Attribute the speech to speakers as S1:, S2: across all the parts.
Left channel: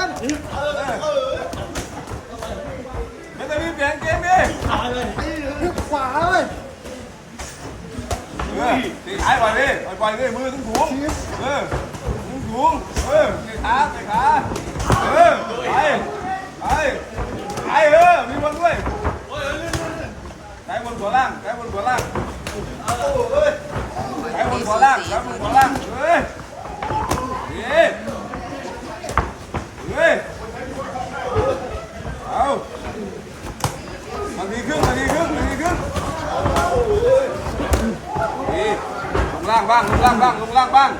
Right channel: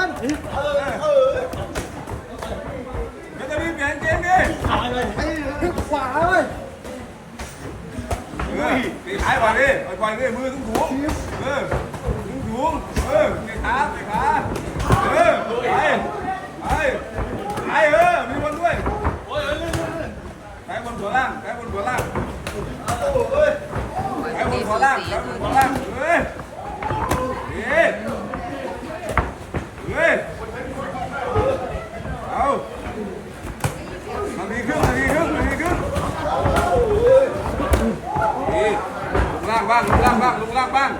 S1: ใหญ่เกิน
S2: ไม่ต้องรีบเปลี่ยนเกมดิ
S3: ตายเลย
S1: ไปขวาเลย
S2: เออตีท้ายไปดิไปดิมือถึงถุงเออถึงถุงเออตีขาตีขาเออไปไปไปเออมีบอลด้วยไก่บนหัวล่างไก่บนหัวล่างไก่บนหัวล่างไก่บนหัวล่างเฮ้ยเฮ้ยเฮ้ยเอามาดีขึ้นมาดีขึ้นมาดีขึ้น นี่ ล่างบ้างลงล่างบ้างลงล่างบ้าง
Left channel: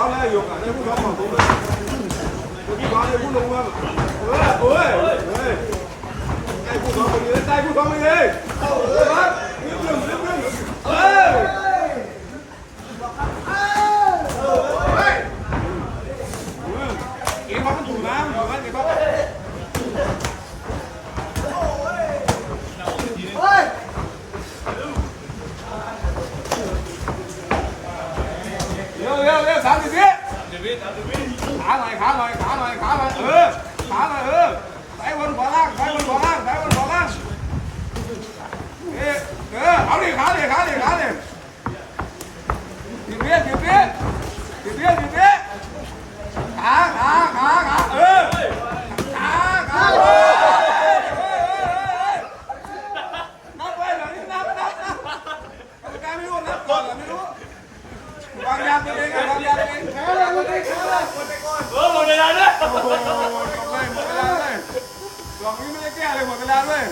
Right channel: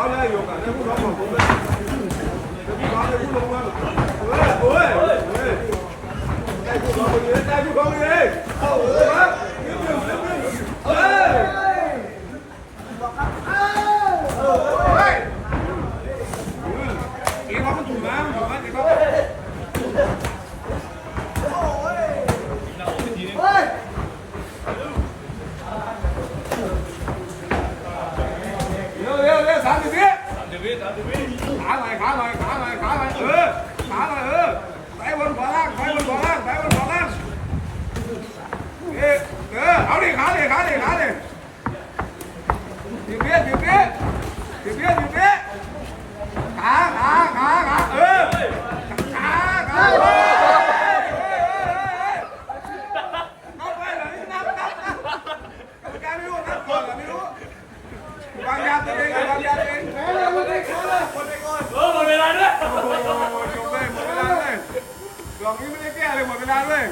S2: 咱俩有，咱，的不能吗？ สามสิบวิสามสิบวิสามสิบวิขาหน่อยขาหน่อยขาหน่อยขาหน่อยเออขาหน่อยเออไปบนขวาล่างไปบนขวาล่างไปบนขวาล่างเออเออเอาดิขาดิขาดิขาดิสิบวิสิบวิสิบวิสิบวิขาขาขาขาเออขาขาเออนับไปเลยนับนับนับแกไม่รู้นับก่อนไม่รู้วางยาตัวเองวางยาตัวเอง
S1: แพ้เลยลูกนี้แพ้เลย
S3: เออ หมดเวลา
S2: เลยหมดเวลาเลยหลองนี้ไม่ได้แก้เลยหมดเวลาเลย